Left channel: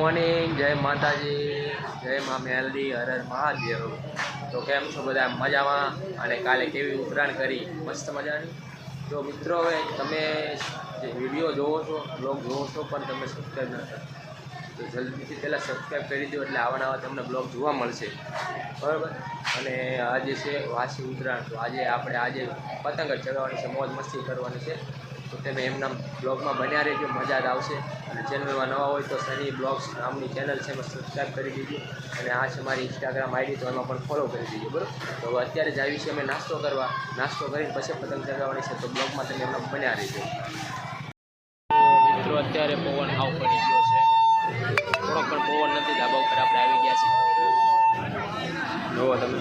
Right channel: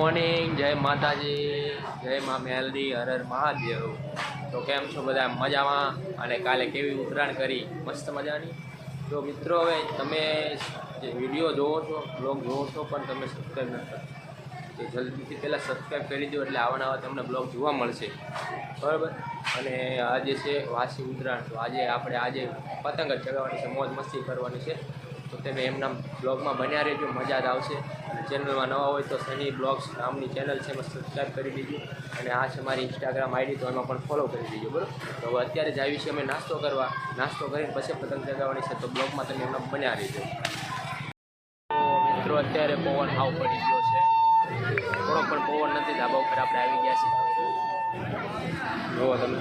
Morning, જય માતાજી, જય મા મેલડી, હર હર મહાદેવ। તો કેમ છો બધા? મજામાં? અને કાલે કેવી ઉત્તરાયણ કરી? મસ્ત મજાની। તો મિત્રો, હવે તમે જે વિડીયો જોવો છો, બ્લોગ જોવો છો, પણ તમે સબસ્ક્રાઈબ ન કરો તો જલ્દીથી પહેલાં સબસ્ક્રાઈબ કરી દો, એટલે આવા તમને બ્લોગ જોવા મળશે, બરાબર। અને આજે છે વાસી ઉત્તરાયણ, તો આજે પતંગ જ ચગાવવાની છે, મોજ મસ્તી કરવાની છે। તો તમે એમના બ્લોગમાં બન્યા રહેજો, મજા જ આવશે। અને ચેનલમાં નવા હોય તો સની બ્લોગ્સ નામની ચેનલ છે, એમાં સબસ્ક્રાઈબ કરી દીજો। અને આ છે મારી ઇન્સ્ટાગ્રામ આઈડી, તો એમાં પણ ફોલો કરી દીજો, બરાબર। તો હવે અત્યારે જ આવી છે અમે નાસ્તો કરવા, નાસ્તો કરીને પછી પતંગ ચગાવવાની છે, તો બ્લોગમાં તમે એમના બન્યા રહેજો। તો મિત્રો, અત્યારે પવન હાવ પડી ગયો છે, થોડોક પણ પવન નથી, ધાબા ઉપર આપણે આવી ગયા છીએ। જુઓ તમે,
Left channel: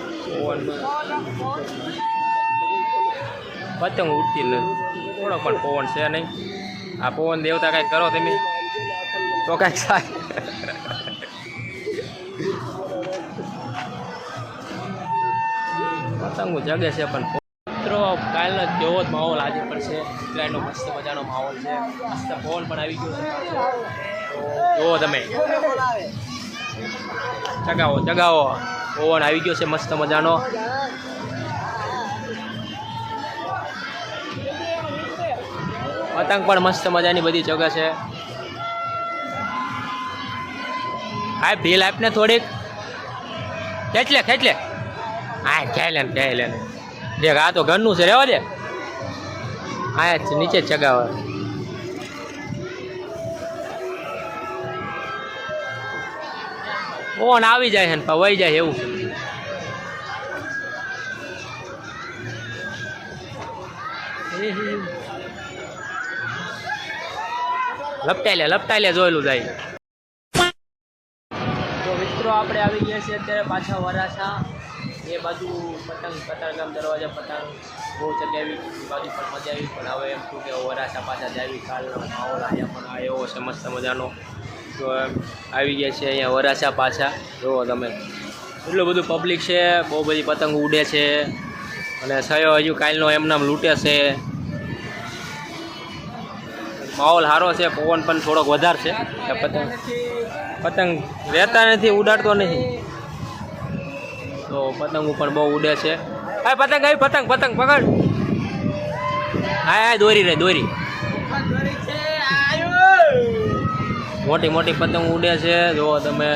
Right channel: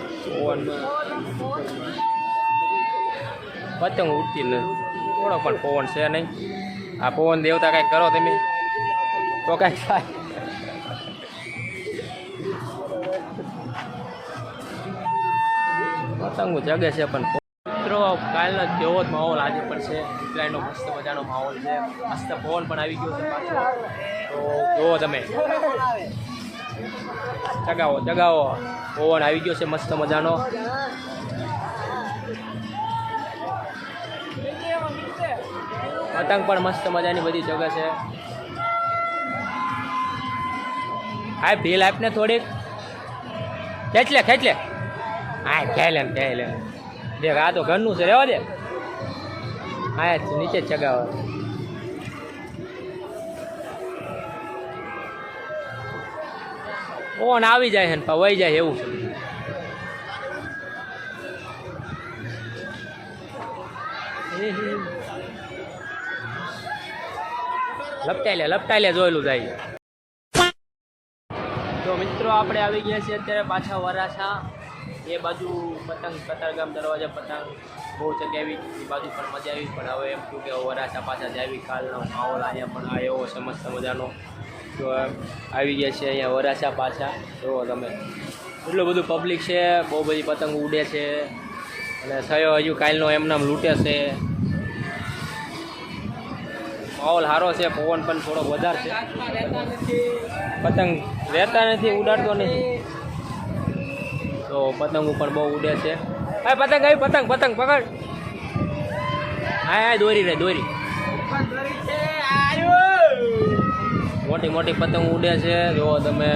પતંગ ઉડતી નથી, થોડોક પણ પવન છે નહીં। આ પવન દેવતા કાંઈક કરો તમે, તો કાંઈક થાય। પતંગો જગે છે પણ મિત્રો, કાલનો જેવો જ માહોલ આજે પણ છે, ઉત્તરાયણનો મસ્ત મજાનો માહોલ છે, મસ્ત પવન પણ આવી ગયો છે પાછો। તો જુઓ તમે, ચગાવો ચગાવો, પવન આવી ગયો છે મસ્ત મજાનો। પતંગ પણ મસ્ત મજાની બધી જગ્યા છે। હા, ભીલ આપને થોડીક, ખેંચ લે, હા ખેલ લે, દેખ આ તો ઘરનું છે, રહેવા દે, હા નીચે જ ચગાવે। ઓન આવી જાય છે ને વહી જાય એવું છે। લપટાઈ લે જોયેલું જાય। તો મિત્રો, આપણે આવી ગયા છીએ અત્યારે પાછા વરાછા, એ બાજુ પતંગ કતારગામ દરવાજા પતંગ બહુ ચગાવી, એ બાજુ પણ મજા આવી, પણ હવે એમ છું કે વરાછા પાછા જાવી, કાલનો માહોલ અહીંયા પણ એવો છે મસ્ત મજાનો। તો આવી ગયા છે અહીંયા વરાછા પાછા, જુઓ તમે, એટલું બધું પબ્લિક છે, બહુ બધી પતંગ ઉડે છે, અને થયો હજુ કાલનો એમનામ લૂંટે છે। માહોલ સારો છે, પવન પણ થોડોક વધારે છે, પતંગ રહેતા નથી, ઉડાડતો નથી, તો પતંગો પણ બહુ ઉડે છે। હા પતંગ આવી, પતંગ પકડ, હા દોરી મોટી મોટી પતંગ ઉડે છે, જુઓ તમે,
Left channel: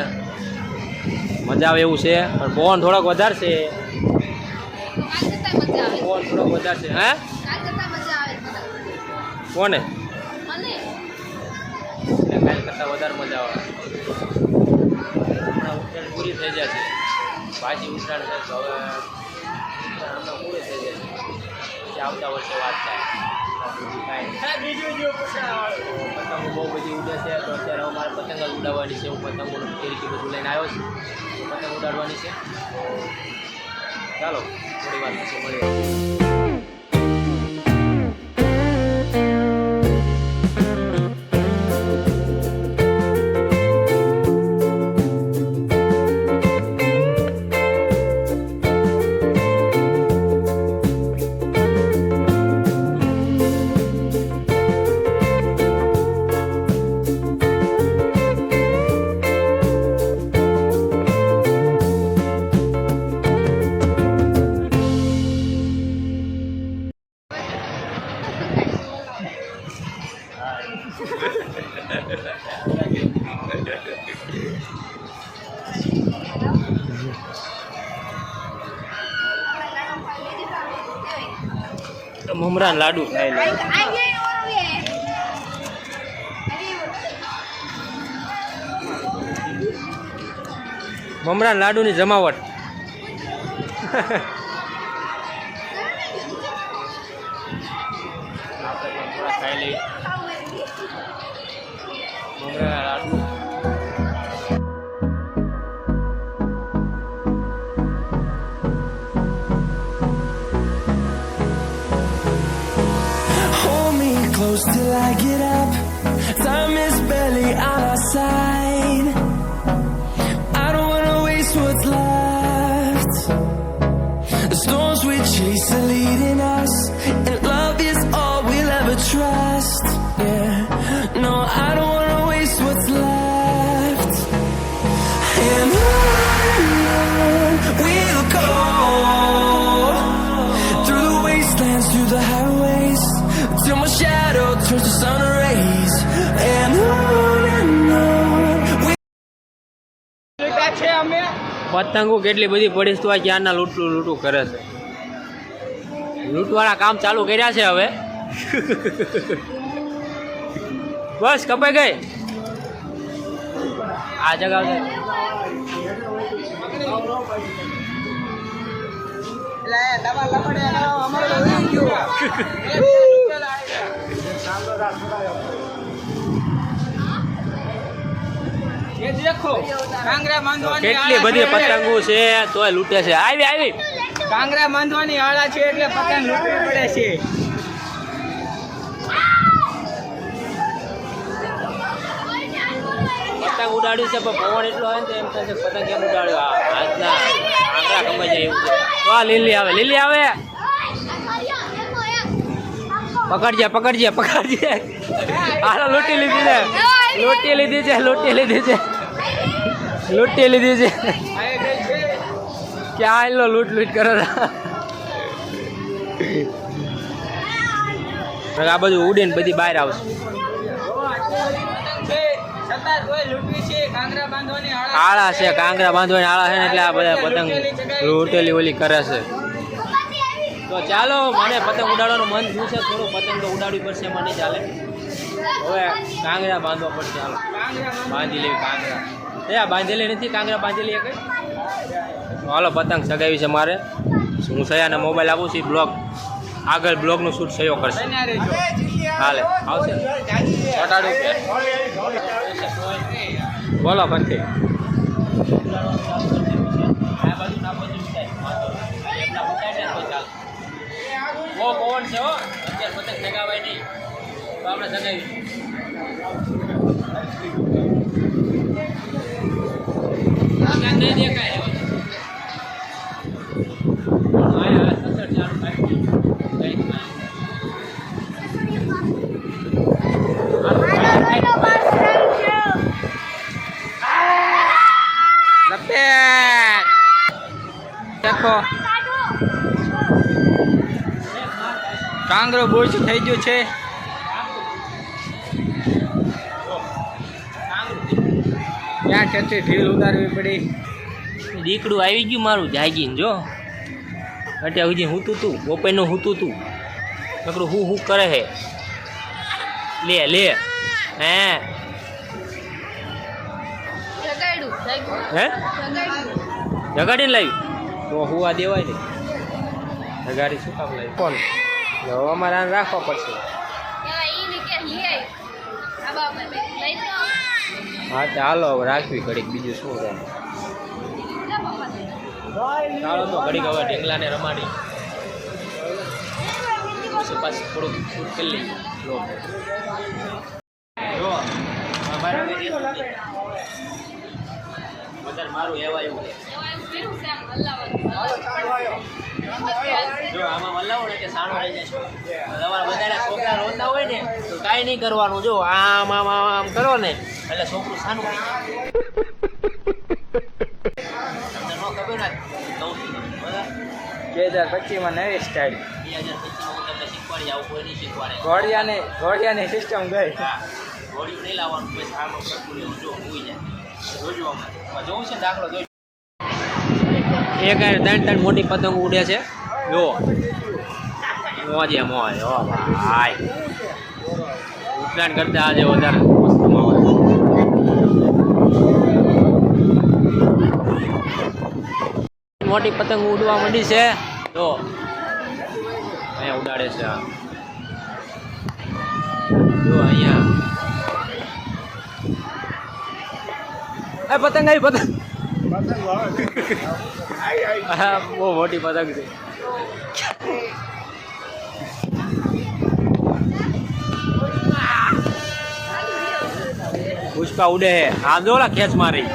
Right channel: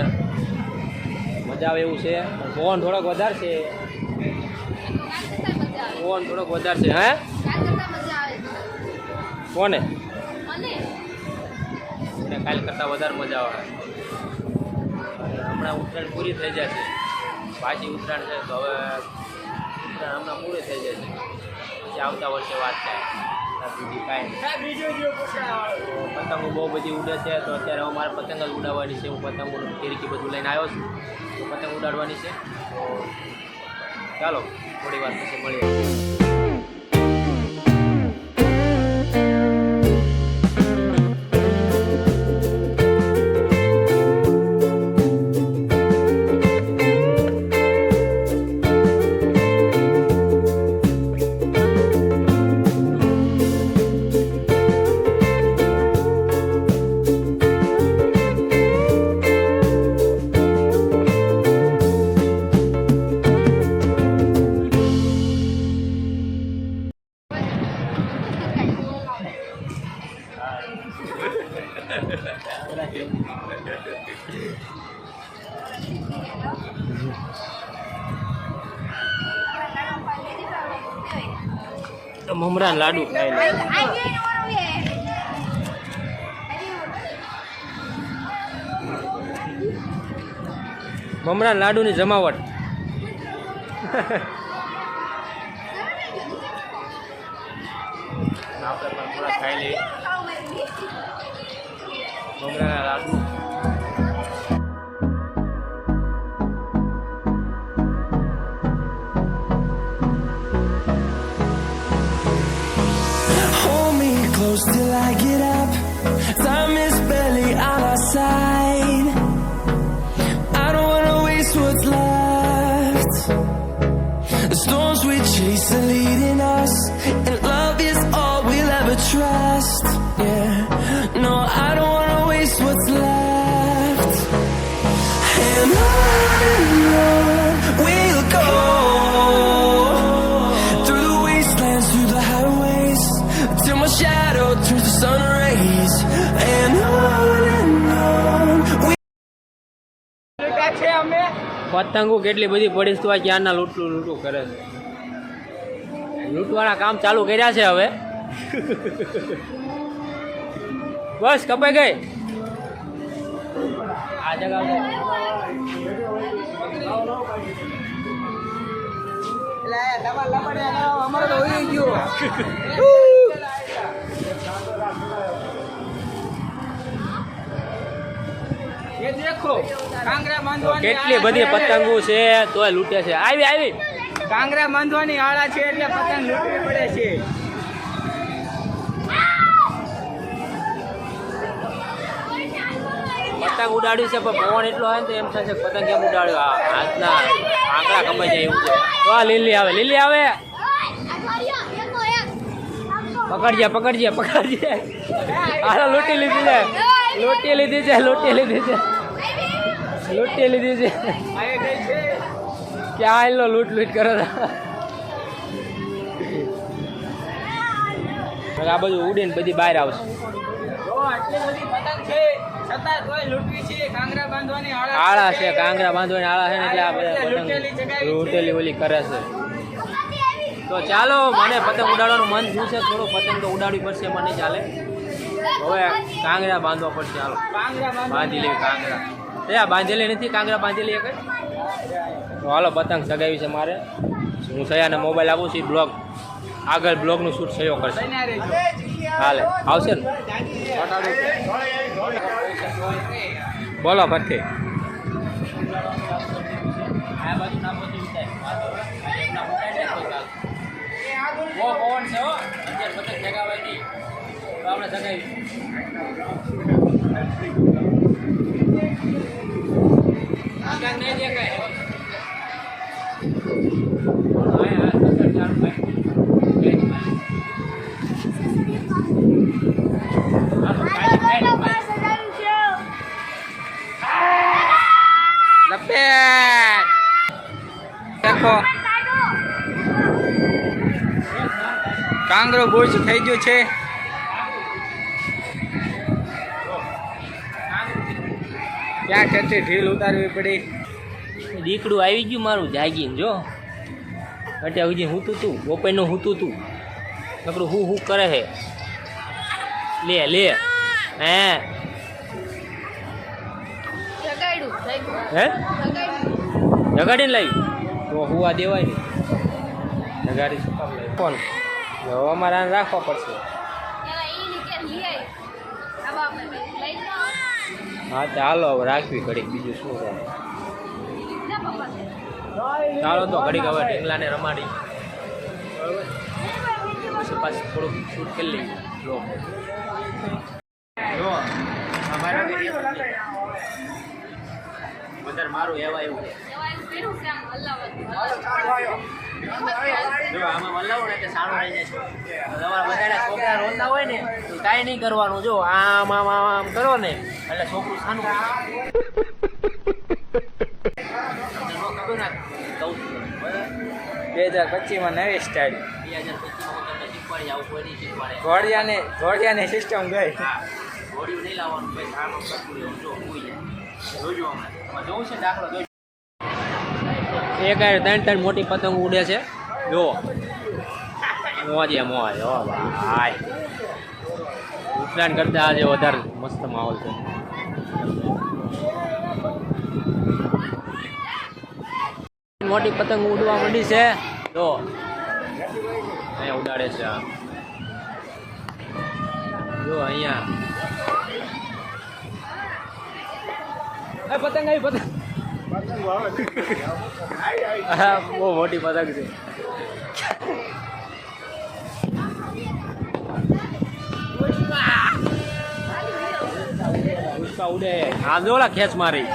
મજા આવે એવું છે, પણ પવન થોડોક વધારે છે, હે કોને કાલ કરતાં વધારે મજા આવે। હમણાં ઉત્તરાયણ પૂરી થઈ જાય છે, પાછી ઉત્તરાયણ છે, તો હવે ઉત્તરાયણ હમણાં પૂરી થઈ જાય છે, પછી આવતા વર્ષે વાત થાય, બીજું કાંઈ પતંગો બહુ બધી ઉડે છે। તો અત્યારે અમારે પતંગ જ ઉડાડવાની છે, હું પતંગોનું કેરીકી બધું લઈને આવ્યો છું, તો પતંગ ઉડાડવાની છે। તો ચાલો થોડી વાર પછી મળીએ। મમરા લાડુ ખાઈ લે, મમરા લાડુની જમાવટ। આપણે પણ થોડા ખાઈ લઈએ મમરા લાડુ। Close till I get up, time is barely on our side. I don't wanna waste what's left. The storms we chase are leading us, and love is all we'll ever trust. Yeah, no, I don't wanna waste what's left. till my shadow turns to sun rays. And on we પતંગો કેટલી બધી પડી તો આ ક્યારના લૂંટું કરે છે. લૂંટવાના કામ ચાલુ કર્યા છે હવે. બસ કપાઈ ગઈ આ જગા છે. તો કેટલી બધી પતંગો છે તોય લૂંટે છે. આવી કાંગરા બાંધવાની આળા છે એટલે પતંગ લૂંટવી પડે છે. પતંગ ઉડાડ્યું છે પણ પવન એટલો હોય ને તો એમ થાય છે પતંગ કેમ ઉડાડ્યું. હાથના આંકડા કપાઈ જાય એવું છે. તો આ લીલી આવે પકડજે હાલો લૂંટી લીધી છે. ક્યાં આવેલો લૂંટ કરે આ બધું ઉડીને બધી બહાર આવશે. પતંગ છે છતાં તોય લૂંટવી છે. કાંગરા બાંધવાની આળા છે કાંગરા બાંધવાની આળા છે ને એટલે આ બધા પતંગ લૂંટેલી ઓલી કરે છે. તો ચાલો મને પતંગ ઉડાડવાનું મન થયું છે થોડું. પતંગ તો ઉડાડવી પડશે મને નહીં ચાલે. હવે કાંગરા બાંધવા પડશે. ચાલો બાંધી લેવી કાંગરા. બાંધેલી નથી કાંગરા બાંધેલી એક. હાલો પતંગ સગાવી છે મારે. હું સયાને મોબાઈલ આપું છું. આગળ બ્લોગનું શૂટ સયો કરશે. હાલે આવશે ને ચોટાડું કે બોલો ફરતી આ બાજુ ના બધું ઉતાય બહુ પવન છે હો. અત્યારે પતંગ જગાવાય નહીં તો આપણે જગાવી. નહીં દેખાય લપેટ દેખો કાંગરો બોજ થઈ ગયો છે. ક્યાં ઠેઠી ઢીલ ઉતારવી પડી. દીકડું આવી ગયું મારું જાગીને જો. અત્યાર સુધી હૂતું તું બપોરનું હૂતું તું નકરું હું કરે હે. લે હે જગાડીને લાવી તો હુવા દેવાય ને. જગાડી શું કામ લાવી કોણ હવે અમારે આને રાખવા પડશે. હા ચાલો હવે રાખવી ઘડીક બીજું શું રહે. ચાલો તો ઘડીક હવે ઢીંગલાને રમાડી પછી પાછું થોડુંક શૂટ કરી લઈએ. વધારે મારું એવા એવું જો આમાં વલ્લાવો ને કે સાણું રહી જશે. તમારા બધા છોકરા રોતા હોય ને તો કાંઈ નહીં કરવાનું. જો આમ આમ આમ આમ કરો ને એટલે છોકરું સાનું થઈ જાય. તમને ન ખબર ના કહું છું બરાબર. 2025માં નવી સ્ટાઇલ 2025માં હું તમને શીખવાડી આવું કોઈ નહીં શીખવાડે. ઘોડિયાની સિસ્ટમ ગઈ. હા ઘોડિયું નહીં લાવવાનું પછી આમ આમ કરતું રહેવું. જો હોઈ જાય જોજો હમણાં જોવું છે દાખલો જોઈ. એક 3 મોટી પતંગ ઉડે છે જો. મોજે મોજ હો ભાઈ. ઉત્તરાયણ કરતા આજે વધારે મસ્ત માહોલ. મોટી પતંગ ઉડવા માંડી છે જો. અહીંયા ઉડાડે છે આ જો. અહીંયા પતંગ આવી પતંગ. હા બહુ મોટી પતંગ છે. પુષ્પા ઉડે હે આમ જો ખેંચ મારી.